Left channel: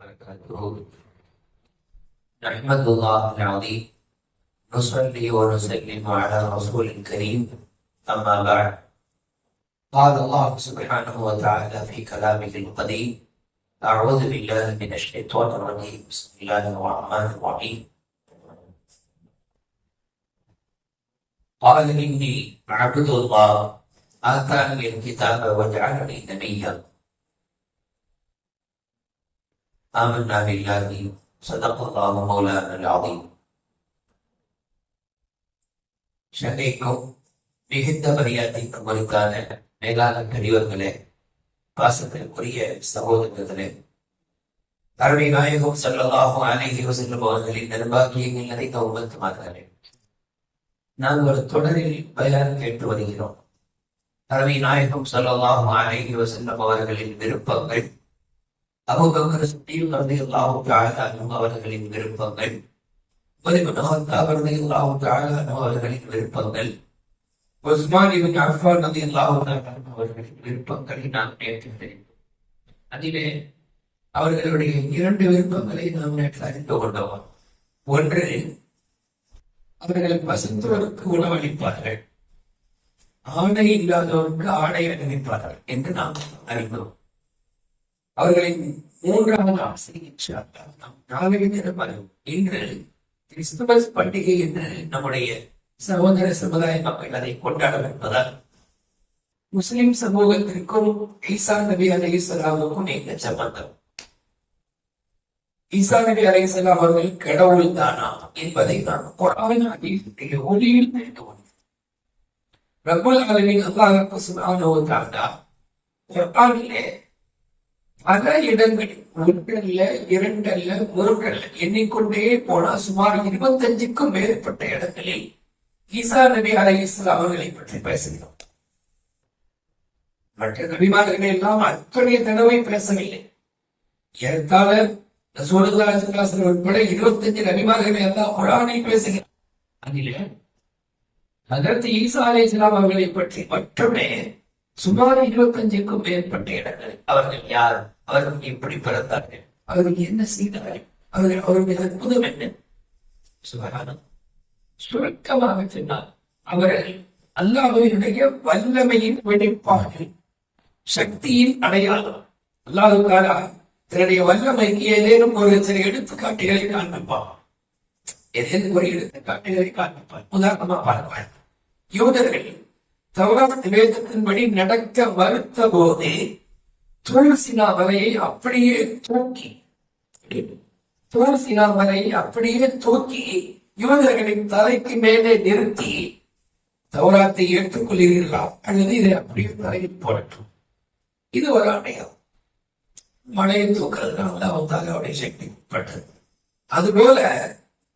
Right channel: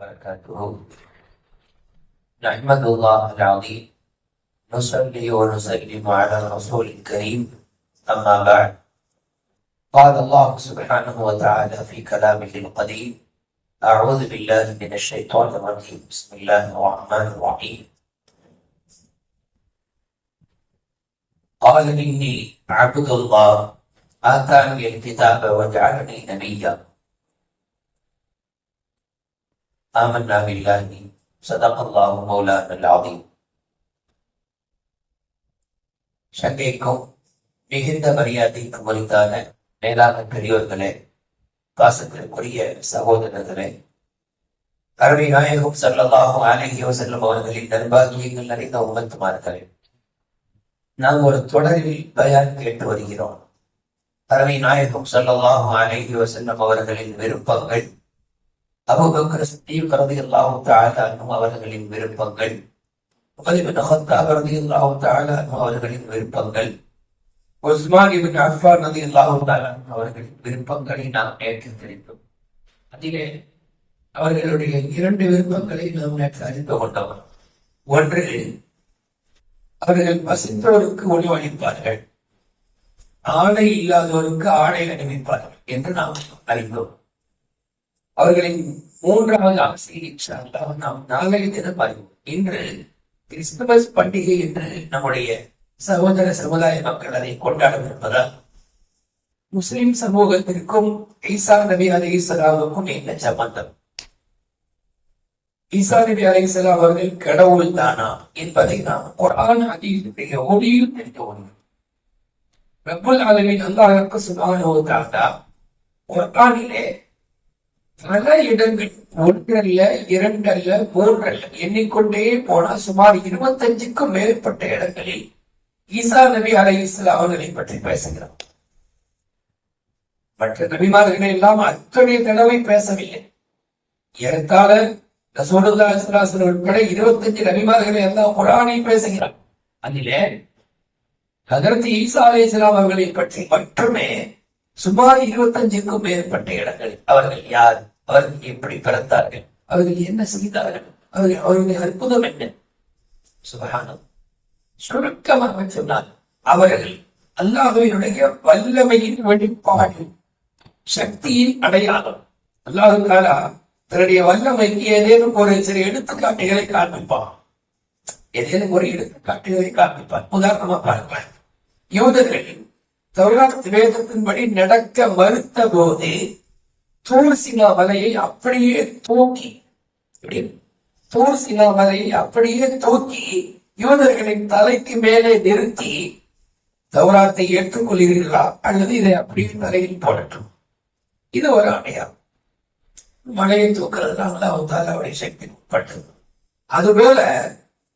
وبركاته. نحمد الله العظيم. نصلي ونسلم على الرسول الكريم. أما بعد. قال الله سبحانه وتعالى في كلامه القديم أعوذ بالله من الشيطان الرجيم. بسم الله الرحمن الرحيم. قال إني عبد الله. آتاني الكتاب وجعلني نبيا. آمنا بالله صدق الله مولانا العظيم சங்கைக்கும் மிகுந்த மரியாதைக்கும் உரித்தான மேலான பெரியோர்களே பாசத்திற்குரிய சகோதரர்களே கருணை நாயகம் சல்லல்லாஹும் அலைஹி வஸல்லம் அவர்களின் நர்பாகியங்கள் நிறைந்த உமத்துமார்களே நாம் ஒரு தொடரில் பயான் கேட்டு வருகிறோம் கருணை நாயகம் சல்லல்லாஹும் அலைஹி வஸல்லம் அவர்களின் விருப்பங்கள் அபுபக்கர் சித்தீக் ரலியல்லாஹு தஆலா அன்ஹு அவர்களின் விருப்பங்கள். உமர் இப்னு அவர்களின் விருப்பங்கள். உஸ்மான் இப்னு அஃபான் ரலியல்லாஹு தஆலா அவர்களின் விருப்பங்களை நாம் நேற்று தெரிந்தோம். அதிலே அவர்களுடைய இரண்டு விருப்பங்களை நாம் நேற்று அறிந்து கொண்டோம். ஒன்று அவர்கள் பசித்தோருக்கு உணவளிப்பார்கள் ஆடை இல்லாதோருக்கு ஆடை அணிவிப்பார்கள் என்று நாம் அறிந்தோம். அவர்களின் மூன்றாவது ஆசையை நாம் நாளைய தினம் அறிவோம் இன்று கிறிஸ்துமஸ் பண்டிகை என்று நம்முடைய சகோதர சமுதாய மக்கள் அதை கொண்டாடவிருப்பதால் முஸ்லிம் சமூகத்திற்கும் ஈசா நபி அலி இஸ்லாமுக்கும் என்ன சம்பந்தம்? ஈசா நபி அலி இஸ்லாம் அவர்கள் கடவுள் தானா என்பதை நாம் குரான் ஹதீஸுடைய ஒளியில் தெரிந்து கொண்டோம் ரபுல் அளவின் அல்லாஹ்வுக்கு சுப்ஹானஹு வ தஆலா பல இடங்கள் ஒன்றல்ல இரண்டல்ல மூன்றல்ல எண்ணிக்கொண்டே போனா சுமார் இருபத்தஞ்சுக்கும் மேற்பட்ட இடங்களில் ஈசா நபி அலை இஸ்லாம் அவர்களை பற்றி பேசுகிறோம். மற்ற நபிமார்களை எல்லாம் அத்தனை தடவை பேசவில்லை. ஏறத்தாழ ரசூலுல்லா உட்பட இருபத்தஞ்சு நபிமார்களை எல்லாம் குரானை பேசுகிறார். அதிலே அதற்கு ஈசா அலை இஸ்லாம் அவர்களை பற்றி மட்டுமே சுமார் இருபத்தஞ்சுக்கும் மேற்பட்ட இடங்களில் அவர்கள் யார்? அவர்கள் எப்படி பிறந்தார்கள்? அவர்கள் என்ன செய்தார்கள்? அவர்கள் அவருடைய அற்புதம் என்ன? சுபகானம். சுருக்கமாக சொன்னால் அவர்கள் அல்லாஹுவினுடைய வல்லமையின் வெளிப்பாடு சக்தியின் அடையாளம். அல்லாஹுக்காரா தன்னுடைய வல்லமைக்கு ஏதேனும் ஒரு சில எடுத்துக்காட்டுகளை காண்பிப்பான் ஏதேனும் ஒரு எடுத்துக்காட்டுகளை காண்பிப்பான் உதாரணமா பாருங்கள் யூதர்களின் தௌராத் வேதத்தின்படி நடக்க மறுத்த போது தூர்சினா மலையை அப்படியே தூக்கி இப்படி மலையை அப்படியே தூக்கி யூதர்களின் தலைக்கு மேலே நிறுத்தி தௌராத்தை ஏற்றுக்கொள்கிறீர்களா? அல்லது இதை அப்படியே தலையில் போடட்டும். இது ஒரு அடையாளம். மலையை தூக்குறதுனால அவருடைய சக்தி உட்பட்டது அதுபோல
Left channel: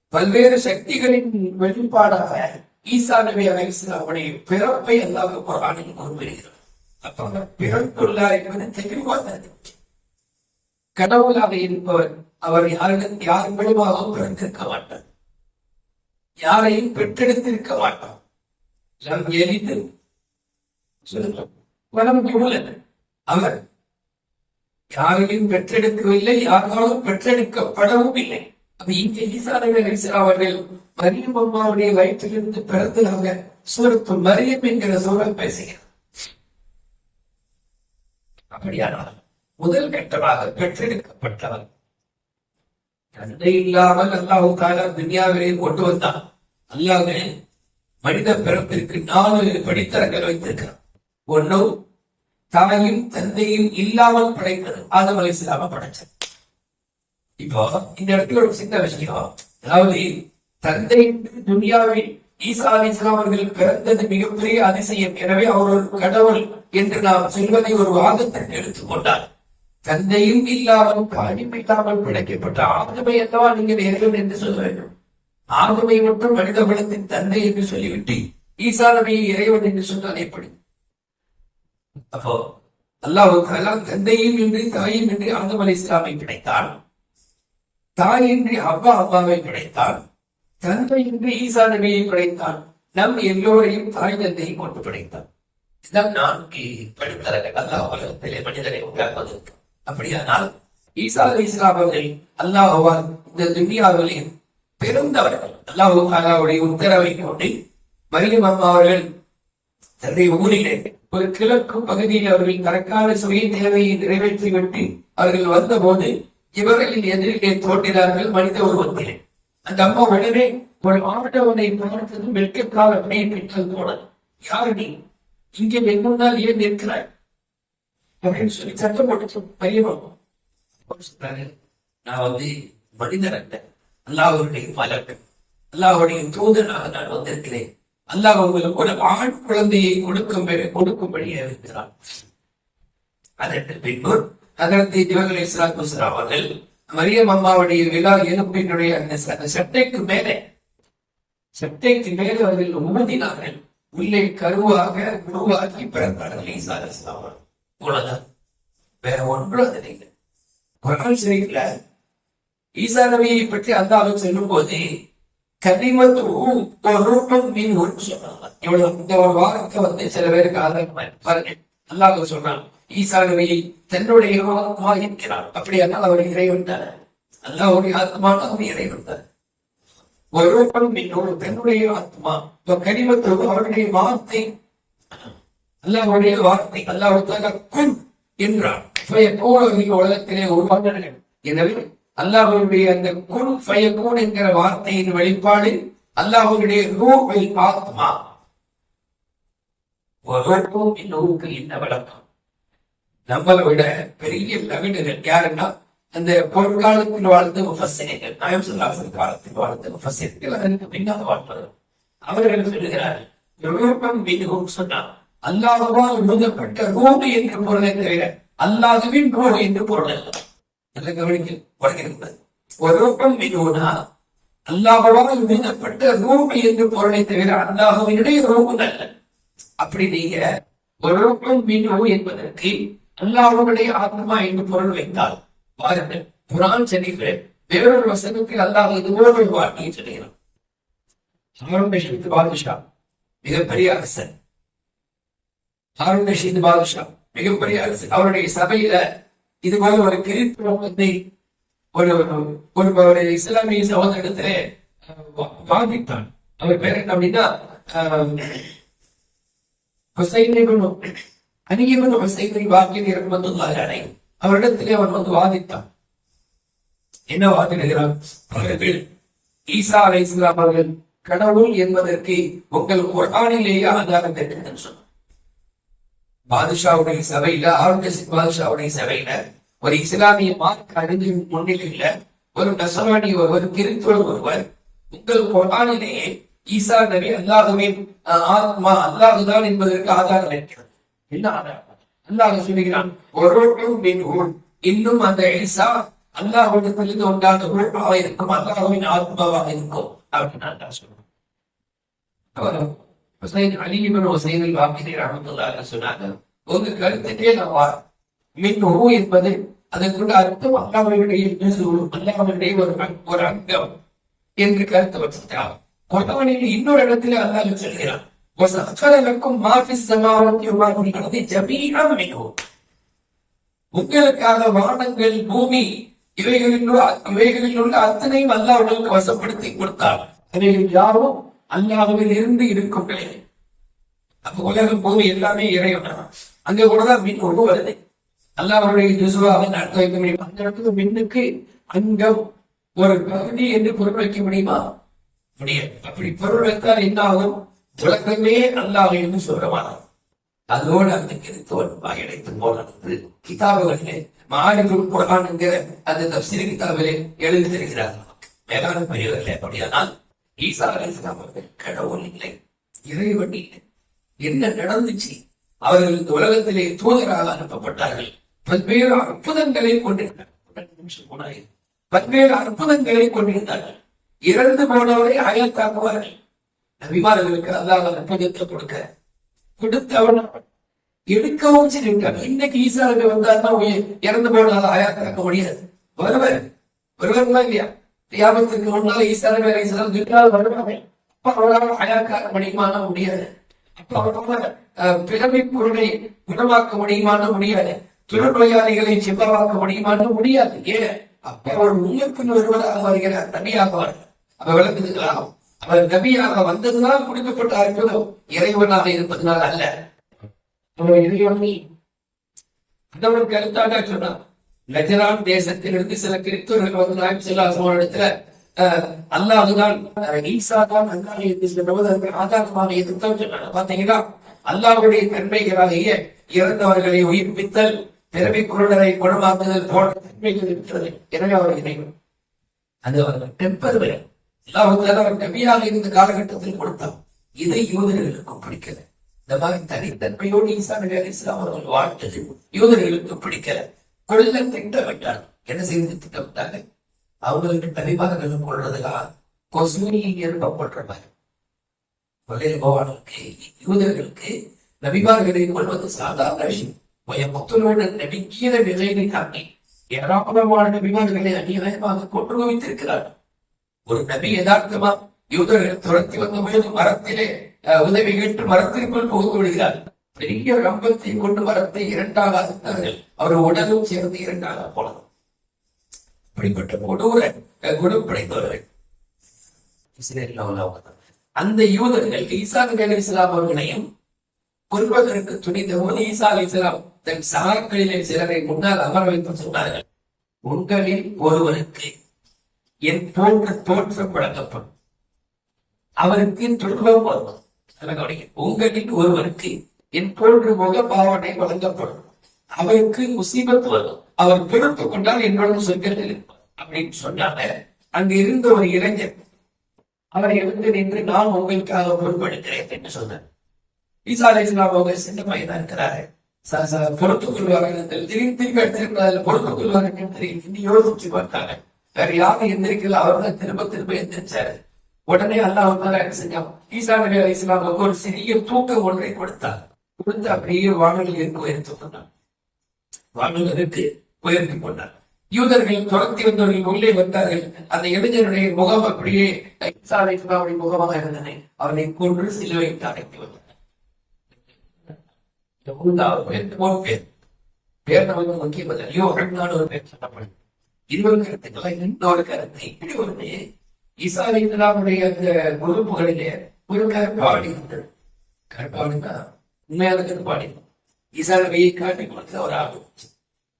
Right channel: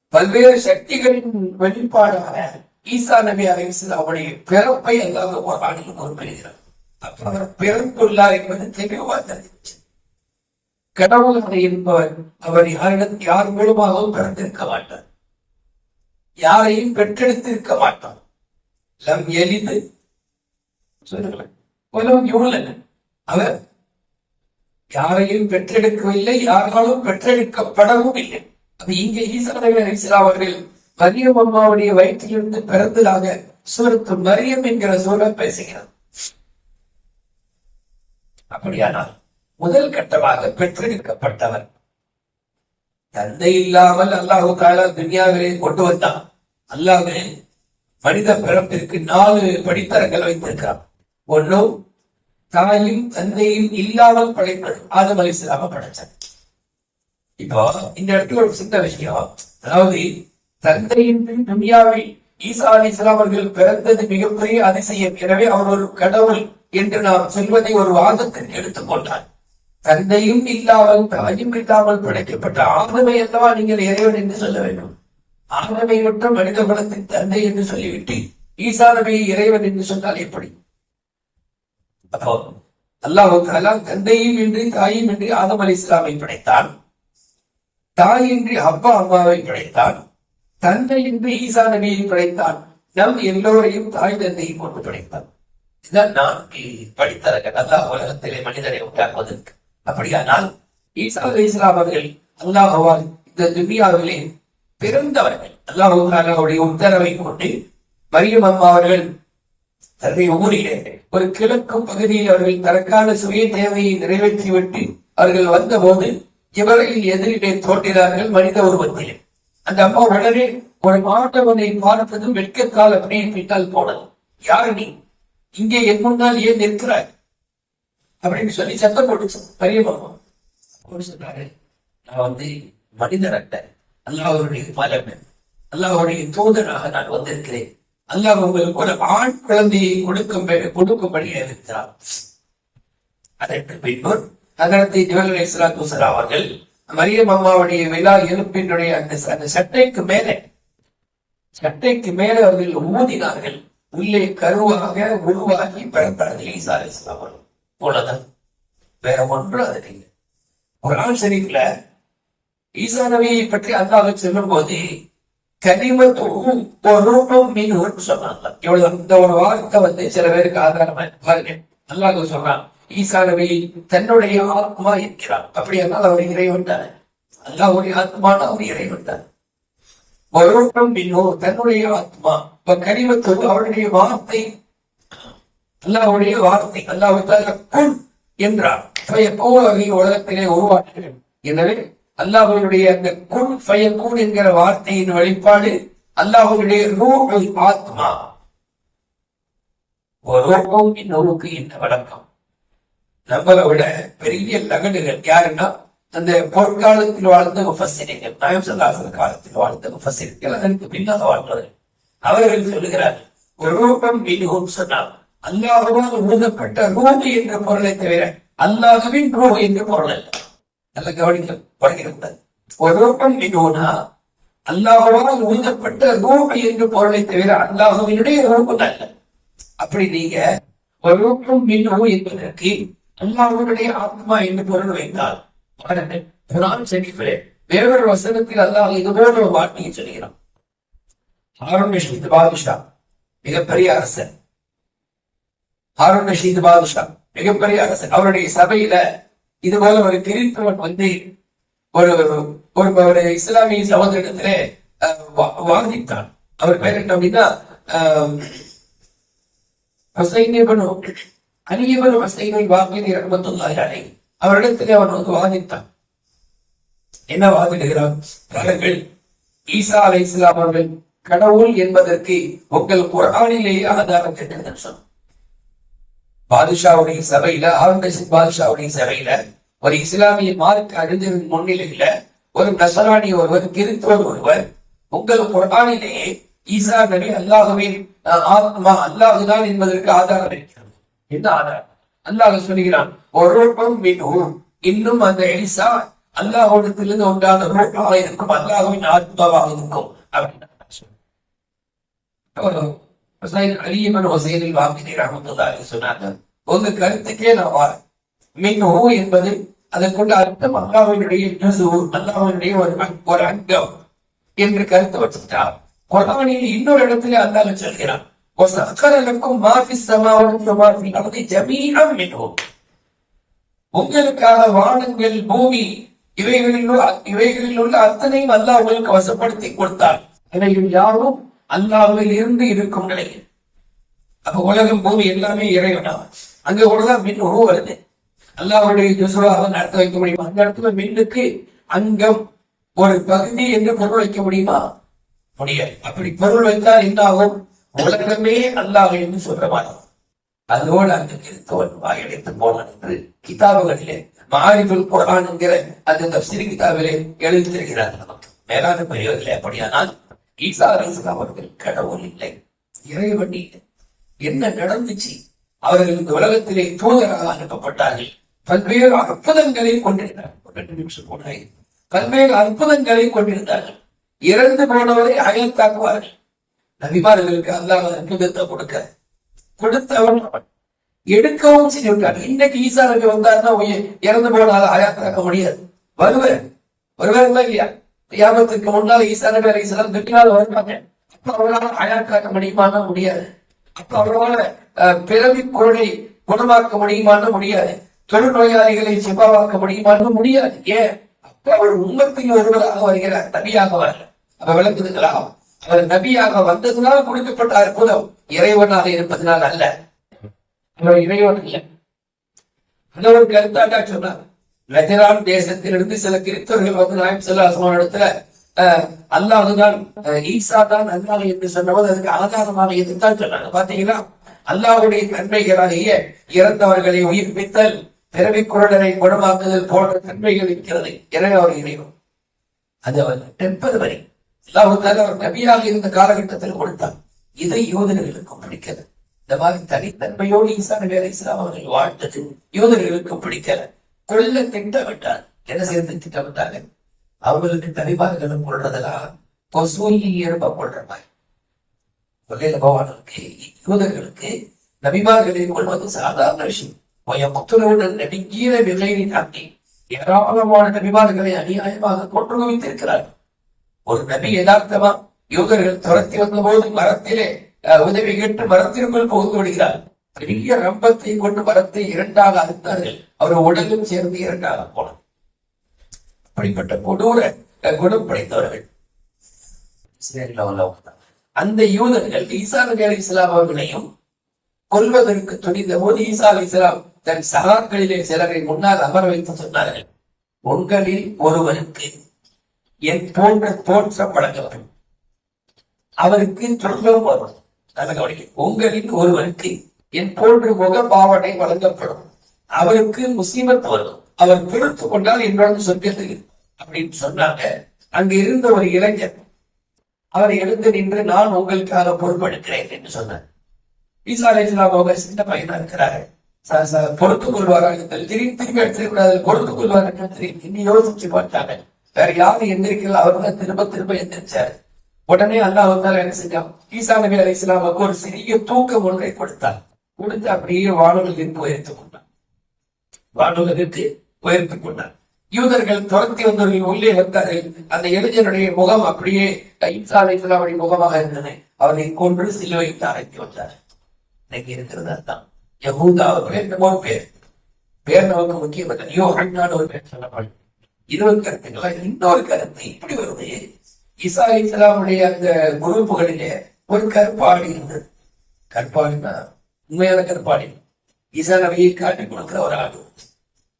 பல்வேறு சக்திகளின் வெளிப்பாடாக ஈசா நபி அலைஹிஸ்ஸலாம் அவருடைய பிறப்பை அல்லாஹ் குர்ஆனில் குறிப்பிடுகிறார். அப்ப அவர் பிறந்துள்ளார் என்பது தெளிவாக கடவுளாக இருப்பவர் அவர் யாரிடம் யார் மூலமாகவும் பிறந்திருக்க மாட்டார். யாரையும் பெற்றெடுத்திருக்க மாட்டார். லம் எளிது வலம் அவர் யாரையும் பெற்றெடுக்கவில்லை யாராலும் பெற்றெடுக்கப்படவும் இல்லை அது இங்கே ஈசா நபி அலைஹிஸ்ஸலாம் அவர்கள் மரியம் அம்மாவுடைய வயிற்றிலிருந்து பிறந்ததாக சூரத்து மரியம் என்கிற சூழல் பேசுகிறார். அப்படியானால் முதல் கட்டமாக பெற்றெடுக்கப்பட்டவர் தந்தை இல்லாமல் அல்லாஹு தாலா துன்யாவிலே கொண்டு வந்தான். அல்லாவே மனித பிறப்பிற்கு நாலு படித்தரங்கள் வைத்திருக்கிறார் ஒன்னும் தாயும் தந்தையும் இல்லாமல் படைத்தது ஆதம் அலிஸ்லாம படைச்சார் இப்போ இந்த இடத்துல ஒரு சின்ன விஷயம். அதாவது தந்தை என்று ஈசா அலி இஸ்லாம் அவர்கள் பிறந்தது மிகப்பெரிய அதிசயம். எனவே அவர் ஒரு கடவுள் என்று நாம் சொல்வதை ஒரு வாதத்திற்கு எடுத்துக்கொண்டார் தந்தையும் இல்லாமல் தாயும் இல்லாமல் படைக்கப்பட்ட ஆதமை அல்லவா நீங்கள் இறைவன் என்று சொல்ல வேண்டும்? ஆதமை மட்டும் மனித குலத்தின் தந்தை என்று சொல்லிவிட்டு ஈசா நபியை இறைவன் என்று சொன்னால் எப்படி? அப்போ அல்லாஹ் தந்தையும் இன்றி தாயும் இன்றி ஆதம் அலி இஸ்லாமை படைத்தான். தாயின்றி அப்பா அம்மாவை படைத்தான். தந்தை என்று ஈசா நபியையும் படைத்தான் நம் எல்லோரையும் தாய் தந்தையை கொண்டு படைத்தான் இதுதான் நான்கு படித்தரங்கள் அல்லாஹ் உலகத்திலே மனிதனை உண்டாக்குவதற்கு. அப்படியானால் ஈசா அலி இஸ்லாம் அவர்கள் அல்லாஹால் இந்த துன்யாவிலே பிறந்தவர்கள் அல்லாஹுடைய உத்தரவை கொண்டு மரியம் அம்மா அவர்கள் தன்னுடைய ஊரிலே ஒரு கிழக்கு பகுதியில் அவர்கள் தனக்கான சுய தேவையை நிறைவேற்றிவிட்டு அவர்கள் வந்தபோது இவர்கள் எதிரிலே தோன்றினார்கள் மனித உருவத்திலே. அந்த அம்மா உடனே ஒரு ஆட்டவனை பார்த்ததும் வெட்கக்கால் அப்படியே பின்னால் போனது. யாரு நீ? இங்கே என் முன்னால் ஏன் நிற்கிறாய்? அப்படின்னு சொல்லி சத்தம் போட்டு பெரியம்மா அப்படி சொல்றாரு நான் வந்து மனிதர் அல்ல. அல்லாஹருடைய மலக்கு அல்லாஹருடைய தூதனாக நான் வந்திருக்கிறேன். அல்லாஹ் உங்களுக்கு ஒரு ஆண் குழந்தையை கொடுக்கும் கொடுக்கும்படியே இருக்கிறார் அதற்கு பின்பு அதற்கு ஜிவல் இஸ்லாத்து அவர்கள் மரியம் அம்மாவுடைய விழா எலும்பினுடைய அந்த அந்த சட்டைக்கு மேலே சட்டைக்கு மேலே அவர்கள் ஊதினார்கள். உள்ளே கருவாக உருவாக்கி பிறந்தார்கள் ஈசா அலிஸ்லாம் வேற ஒன்று அது இல்லை. குரான் ஷரீஃப்ல ஈசா நபியை பற்றி அல்லாஹ் சொல்லும் போது கனிமத்தும் பொருளும் மீன் சொன்னாங்க. இவ்வளவு இந்த ஒரு வார்த்தை வந்து சில பேருக்கு ஆதாரமா இருக்கு. பாருங்க. அல்லாஹ் சொல்றான். ஈசானவை தன்னுடைய ஆத்மா என்கிறான் அப்படியானால் அவர் இறைவன் தானே அல்லாஹ்வுடைய ஆத்மான அவர் இறைவன் தானே பொருளும் மின்னோர் தன்னுடைய ஆத்மா இப்ப கனிமத்துவம் அவருடைய வார்த்தை அல்லாவுடைய வார்த்தை அல்லாஹ் குன் என்றார். ஃபயக்கூன் உலகத்திலே உருவானார்கள் எனவே அல்லாஹுடைய அந்த குன் பயக்கூன் என்கிற வார்த்தையின் வெளிப்பாடு அல்லாஹுடைய ரூஹுல் ஆத்மா. ஒருவருக்கும் இன்னொருக்கு என்ன வழக்கம். நம்மளை விட பெரிய லகடுகள் யாருன்னா அந்த பொற்காலத்தில் வாழ்ந்த முஃபஸ்ஸிரிகள் நாயம் காலத்தில் வாழ்ந்த முஃபஸ்ஸிரிகள் அதற்கு பின்னால் வாழ்ந்தது அவர்கள் சொல்லுகிறார்கள் ஒரு ரூபம் மிகவும் சொன்னால் அல்லாஹுவால் ஊதப்பட்ட ரூபு என்ற பொருளை தவிர அல்லாஹுவின் ரூபு என்று பொருள் அல்ல. நல்ல கவனிக்க வருகிறது ஒரு ரூபம் மினோனா அல்லாஹுவால் ஊதப்பட்ட ரூபு என்று பொருளை தவிர அல்லாஹுவினுடைய ரூபம் அல்ல. அப்படி நீங்க ஒரு ரூபம் மினு என்பதற்கு அல்லாஹுடைய ஆத்மா என்று பொருள் வைத்தால் பாருங்கள் குரான் ஷரீஃபிலே வேறொரு வசனத்தில் அல்லாஹ் இது போல ஒரு வார்த்தையை சொல்கிறான் ஹாரூன் ரஷீத் பாதுஷா மிகப்பெரிய அரசன். ஹாரூன் ரஷீத் பாதுஷா மிகப்பெரிய அரசன். அவருடைய சபையில இது போல ஒரு கிறிஸ்தவன் வந்து ஒரு ஒரு ஒரு இஸ்லாமிய சகோதரத்திலே வாதித்தான். அவர் பேர் என்ன அப்படின்னா ஹுசைன் அரியவர் வசைவை இப்னு ஹுசைன் அவரிடத்திலே அவன் வந்து வாதித்தான் என்ன வாதிடுகிறான் பாருங்கள் ஈசா அலை இஸ்லாம் அவர்கள் கடவுள் என்பதற்கு உங்கள் குரானிலேயே ஆதாரம் தெரிந்தது சொன்னார். பாதுஷாவுடைய சபையில ஆருண்டசின் பாதுஷாவுடைய சபையில ஒரு இஸ்லாமிய மார்க் அறிஞரின் முன்னிலையில ஒரு நசராணி ஒருவர் கிறிஸ்துவர் ஒருவர் உங்கள் குரானிலேயே ஈசா நபி அல்லாஹுவின் அஹ், ஆத்மா அல்லாஹுதான் என்பதற்கு ஆதாரம் இருக்கிறது. என்ன ஆதாரம். அல்லாஹ் சொல்லுகிறான் ஒரு மின்ஹும். இன்னும் அந்த எலிசா அல்லாஹ்விடத்திலிருந்து உண்டான ரூபாக இருக்கும் அல்லாஹுவின் ஆத்மாவாக இருக்கும் அப்படின்னு அல்லாஹ் சொல்றான். ஹுசைன் அலி இப்னு ஹுசைனில் வாக்கிதி ரஹ்மத்துல்லாஹி சொன்னாங்க உங்க கருத்துக்கே நான் வாரம் மின் ஹூ என்பது அதற்குள்ள அர்த்தம் அல்லாவினுடைய ஜுசு அல்லாஹ்வினுடைய ஒரு ஒரு அங்கம் என்று கருத்து வச்சுட்டார் குரானில் இன்னொரு இடத்துல அல்லாஹ் சொல்கிறான் وَسَخَّرَ لَكُم مَا فِي السَّمَاوَاتِ وَمَا فِي الْأَرْضِ جَمِيعًا مِنْهُ உங்களுக்காக வானங்கள் பூமி இவைகளில் உள்ள இவைகளில் உள்ள அத்தனையும் அல்லாஹ் உங்களுக்கு வசப்படுத்தி கொடுத்தார் இவைகள் யாரும் அல்லாஹ்வில் இருந்து இருக்கும் நிலையில் அப்ப உலகம் பூமி எல்லாமே இறைவனா அங்க கூடதான் மின் உருவ வருது அல்லாஹ்வுடைய ஜுசுவாக நடத்த வைக்க முடியுமா அந்த இடத்துல மின்னுக்கு அங்கம் ஒரு பகுதி என்று பொருள் வைக்க முடியுமா முடியாது அப்படி பொருள் வைத்தால் என்ன ஆகும் உலகமே அல்லாஹ் என்று சொல்லுவானாம் அதோடு அந்த கிறிஸ்தவன் வாயடைத்து போனான் என்று கிதாபுகளிலே மாரிபுல் குரான் என்கிற அந்த தப்சிரி கிதாபிலே எழுதி தருகிறார் நமக்கு. மேலான பெரியவர்களே அப்படியானால் ஈசா அலிஸ்லாம் அவர்கள் கடவுள் இல்லை இறைவன் இல்லை. என்ன நடந்துச்சு? அவர்கள் இந்த உலகத்திலே தூதராக அனுப்பப்பட்டார்கள். பல்வேறு அற்புதங்களை கொண்டிருந்தார்கள் போனாய். பல்வேறு அற்புதங்களை கொண்டிருந்தார்கள். இறந்து போனவரை அயல் தாக்குவார்கள் நபிமார்களுக்கு அல்லாஹ் அற்புதத்தை கொடுக்க. கொடுத்தவன் எடுக்கவும் செஞ்சு விட்டான் இன்னைக்கு ஈசா நபி வந்தாருன்னா இறந்து போனால ஆயாத்தாக்க முடியாது. வருவேன் வருவாருமா இல்லையா? தியாகத்திற்கு முன்னால் ஈசா நபி அலி இஸ்லாம் துக்கினால் வருவாங்க. அப்ப அவரால் ஆயாத்தாக்க முடியுமான முடியாது. அப்ப அவரால் அஹ், பிறவி குரலை குணமாக்க முடியுமான முடியாது. தொழுநோயாளிகளை சிவாவாக்க முடியுமான்னு முடியாது. ஏன்? அப்ப அவர் உண்மத்தில் ஒருவராக வருகிறார். தனியாக வரல. அப்ப விளக்குதுங்களா? அவர் நபியாக வந்ததுனால் கொடுக்கப்பட்ட அற்புதம் இறைவனாக இருப்பதனால் அல்ல. அவர் இறைவன் இல்லை. அந்த ஒரு கருத்தாக சொன்னார் நஜரான் தேசத்திலிருந்து சில கிறிஸ்தவர்கள் வந்து நாயம் செல்ல இடத்துல அல்லாஹுதான் அஹ், ஈசா தான் அல்லாஹ் என்று சொன்னபோது அதுக்கு ஆதாரமாக எதுதான் சொன்னாங்க பாத்தீங்கன்னா அல்லாஹுடைய தன்மைகளாகிய இறந்தவர்களை உயிர்ப்பித்தல் பிறவி குரடரை குணமாக்குதல் போன்ற தன்மைகள் இருக்கிறது. எனவே அவர் அது அவர் டெம்பர் வரை. அல்லாஹ் அவர் நபியாக இருந்த காலகட்டத்தில் கொடுத்தார் இதை யூதர்களுக்கு பிடிக்கல. இந்த மாதிரி தனித்தன்மையோடு ஈசா நபி அலி இஸ்லாம் அவர்கள் வாழ்ந்தது யூதர்களுக்கு பிடிக்கல. கொள்ள திட்டமிட்டார் என்ன செய்து திட்டமிட்டாங்க அவங்களுக்கு நபிமார்களும் கொள்றதெல்லாம் கொசூலி எறும்ப கொள்ற மாதிரி. கொள்ளையில போவானுக்கு யூதர்களுக்கு நபிமார்களை கொள்வது சாதாரண விஷயம். பயமுத்துடன் நெடுங்கிய விலையை தாக்கி ஏராளமான நபிமார்களை அநியாயமாக கொன்று குவித்திருக்கிறார் ஒரு நபி யதார்த்தமா யூதர்கள் துரத்தி வந்த போது மரத்திலே உதவி கேட்டு மரத்திற்குள் புகுந்து விடுகிறார். பெரிய ரம்பத்தை கொண்டு மரத்தை இரண்டாக அறுத்தார்கள். அவர் உடலும் சேர்ந்து இரண்டாக போனது. அப்படிப்பட்ட கொடூர குணம் படைத்தவர்கள். இஸ்ரேலில் உள்ளவங்க தான். அந்த யூதர்கள் ஈசா நபி அலி இஸ்லாம் அவர்களையும் கொல்வதற்கு துணிந்த போது ஈசா அலி இஸ்லாம் தன் சகாக்களிலே சிலரை முன்னால் அமர வைத்து சொன்னார்கள். உங்களில் ஒருவருக்கு என் போன்ற தோற்றம் வழங்கப்படும். அவருக்கு துன்பம் வரும் நல்ல கவனிக்க உங்களில் ஒருவருக்கு என் போன்ற முக பாவனை வழங்கப்படும். அவருக்கு முசீபத் வரும். அவர் பொறுத்து கொண்டால் என்னோட சொர்க்கத்தில் இருப்பார். அப்படின்னு சொன்னாங்க. அங்க இருந்த ஒரு இளைஞர் அவரை எழுந்து நின்று நான் உங்களுக்காக பொறுப்பெடுக்கிறேன் என்று சொன்னார். ஈசா அலை அவங்க சின்ன பையனா இருக்கிறாரு. ச- ச- பொறுத்துக் கொள்வார்கள் திடீர்னு திரும்பி எடுத்துக்கூடாது பொறுத்துக் கொள்வார்கள் தெரியும். இன்னும் யோசிச்சு பார்த்தாங்க. வேற யாரும் எந்திரிக்கல. அவர் தான் திரும்ப திரும்ப எந்திரிச்சாரு. உடனே அல்லாஹ் வந்தால என்ன செஞ்சான் ஈசா நபி அலி இஸ்லாமுக்கு ஒரு சிறிய தூக்கம் ஒன்றை கொடுத்தார். கொடுத்து அப்படியே வானொலியிற்கு உயர்த்து கொண்டார். வானொலிக்கு உயர்த்து கொண்டார். யூதர்கள் துரத்தி வந்தவர்கள் உள்ளே வந்தார்கள். அந்த இளைஞனுடைய முகம் அப்படியே ஈசா அலி இஸ்லாமுடைய முகமாக இருந்தன அவரை கொன்று சிலுவைக்கு அடக்கி வந்தார் இன்னைக்கு இருக்கிறது அதுதான் யகூதா ஒரு பேர் என்னமோ பேர். பேர் நமக்கு முக்கியம் இல்லை ஐயோ அண்ணான்னு ஒரு பேர் சொல்லப்படும் இது ஒரு கருத்துங்களா இன்னொரு கருத்து இப்படி வருது. இசா இஸ்லாமுடைய அந்த குரூப்புகளிலே ஒரு கற்பாடி இருந்தது. கற்பாடினா உண்மையான கற்பாடி ஈசா நபியை காட்டி கொடுக்கிற ஒரு ஆடு.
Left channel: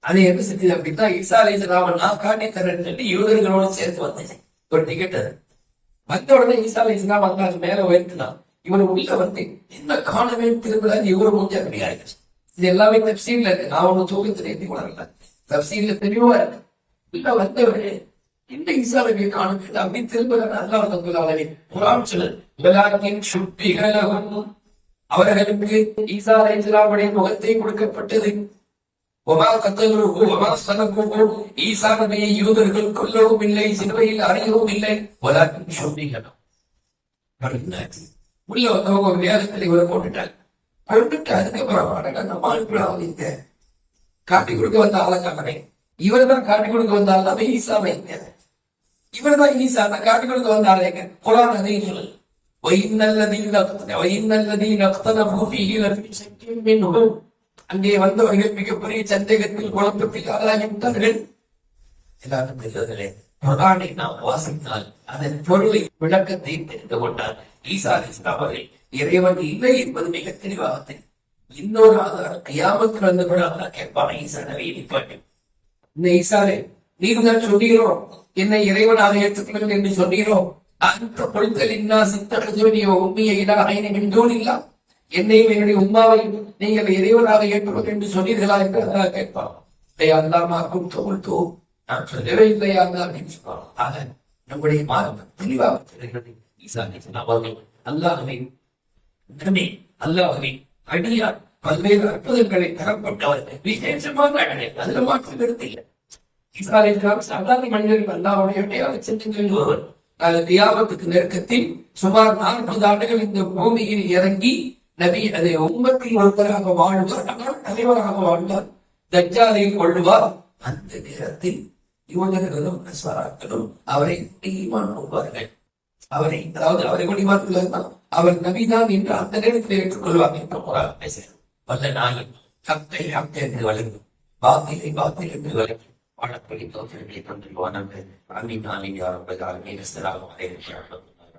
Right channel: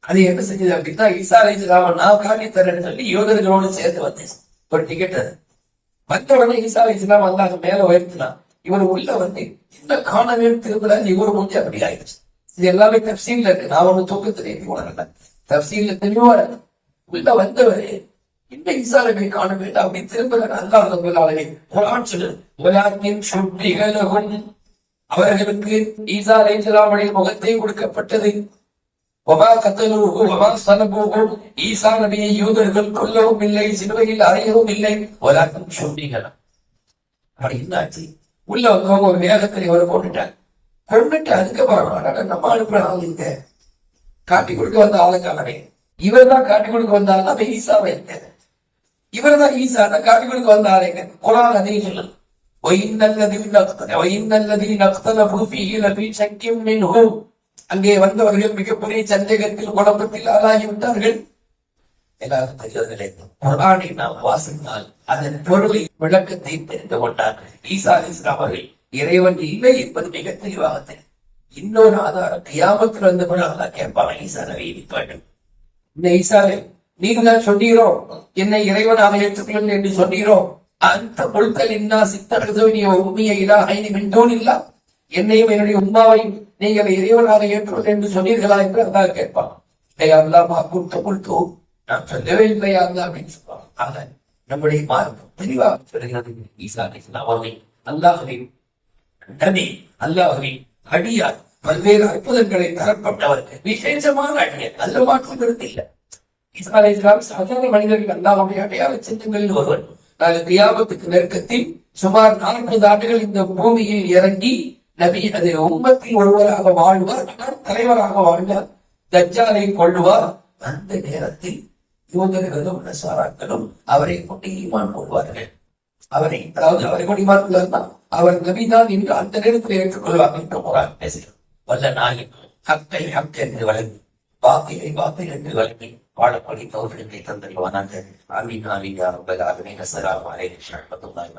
அது என்ன செஞ்சது அப்படின்னா ஈசா அலி நான் காட்டி தரேன்னு சொல்லி யோகர்களோட சேர்த்து வந்துச்சு ஒரு டிக்கெட் அது. வந்த உடனே ஈசா அலி இஸ்லாம் அல்லாஹ் மேல உயர்த்தினான். இவர் உள்ள வந்து என்ன காணவே திரும்பல இவரு முடிஞ்ச அப்படி ஆயிடுச்சு. இது எல்லாமே தப்சீல்ல இருக்கு. நான் ஒண்ணு தூக்கத்தில் ஏற்றி உணரல தப்சீல்ல தெளிவா இருக்கு. உள்ள வந்தவரே இந்த ஈசா காண வேண்டாம். அப்படி திரும்ப அல்லாஹ் ரப்பல் ஆலமீன் குர்ஆன் சொல்லுது வலாக்கின் அவர்களுக்கு ஈசா அலைஹிஸ்ஸலாமுடைய முகத்தை கொடுக்கப்பட்டது. ஒமா கத்தலூஹு ஒமா சனபூஹு ஈசா நபியை யூதர்கள் கொல்லவும் இல்லை சிலுவையில் அறையவும் இல்லை. வலாக்கின் சுப்பிகலம் அப்படி என்னாச்சு உள்ள வந்தவங்க ஒரு வேகத்தில் இவரை கொண்டுட்டாங்க கொண்டுட்டு அதுக்கப்புறம் நம்ம அனுப்புறாங்க இங்க காட்டி கொடுக்க வந்த ஆளுக்கானே இவர் தான் காட்டி கொடுக்க வந்தாலும் அது ஈசாவை இருக்காது இவர் தான் ஈசா நான் காட்டி கொடுக்க வந்த ஆளுங்க குரான் அதையும் சொல்லுது وَإِنَّ الَّذِينَ اخْتَلَفُوا وَإِنَّ الَّذِينَ اخْتَلَفُوا فِيهِ لَفِي شَكٍّ مِّنْهُ அங்கே வந்தவர்கள் மிகப்பெரிய சந்தேகத்தில் குழப்பத்தில் ஆளாகிவிட்டார்கள் எல்லாரும் தெரிவதில்லை குரானை நாம் வாசித்தால் அதன் பொருளை விளக்கத்தை தெரிந்து கொண்டார் ஈசா அலிஸ்லாம் அவர்கள் இறைவன் இல்லை என்பது மிக தெளிவாக தெரியும் இன்னொரு ஆதாரம் கியாமத்தில் வந்த பிறகு அல்லாஹ் கேட்பான் ஈசா நபி நிப்பாட்டும் இந்த ஈசாரே நீர் சொன்னீரோ? என்னை இறைவனாக ஏற்றுக்கொள்ளுங்கள் என்று சொன்னீரோ? அந்த பொருட்கள் இன்னா நீ உண்மையை இலாஹைனி மின் இல்லா? என்னையும் என்னுடைய உண்மாவையும் நீங்கள் இறைவனாக ஏற்றுவது என்று சொன்னீர்களா என்று அல்லாஹ் கேட்பான். "டேய் அல்லாமா கொடுத்த குர்த்து நான் சொல்லவே இல்லையா அல்லாஹ் அப்படின்னு சொல்லுவான் ஆக நம்முடைய மார்க்கம் தெளிவாக சொல்கிறது ஈசா அலைஹிஸ்ஸலாம் அவர்கள் நபி அல்லாஹ்வின் அடியார். பல்வேறு அற்புதங்களை தரப்பட்டவர் விசேஷமாக நல்ல மாற்றம் கருத்து இல்லை. சாதாரண மனிதர்கள் அல்லாஹ்வுடைய அடையாள சின்னங்களில் ஒருவர். கியாமத்துக்கு நெருக்கத்தில் சுமார் நாற்பது ஆண்டுகள் இந்த பூமியில் இறங்கி நபி அதை உம்மத்தில் ஒருவராக வாழ்வார் ஆனால் தலைவராக வாழ்ந்தார். தஜ்ஜாலை கொள்ளுவார் அந்த நேரத்தில் யூதர்களும் நசாராக்களும் அவரை கொண்டு ஈமான் கொள்வார்கள். அவரை அதாவது அவரை கொண்டு ஈமான் அவர் நபிதான் என்று அந்த நேரத்தில் ஏற்றுக்கொள்வார் என்று குரான் பேசுகிறார் வல்ல நாயின் ஹக்கை ஹக் என்று வழங்கி பாத்திலை பாத்தில் என்று வழங்கி வாழப்படி தோற்றங்களை தந்தல்வானாக அமீன் அமீன் யாரும் ஆமீன் அஸ்ஸலாமு அலைக்கும் வரஹ்மத்துல்லாஹி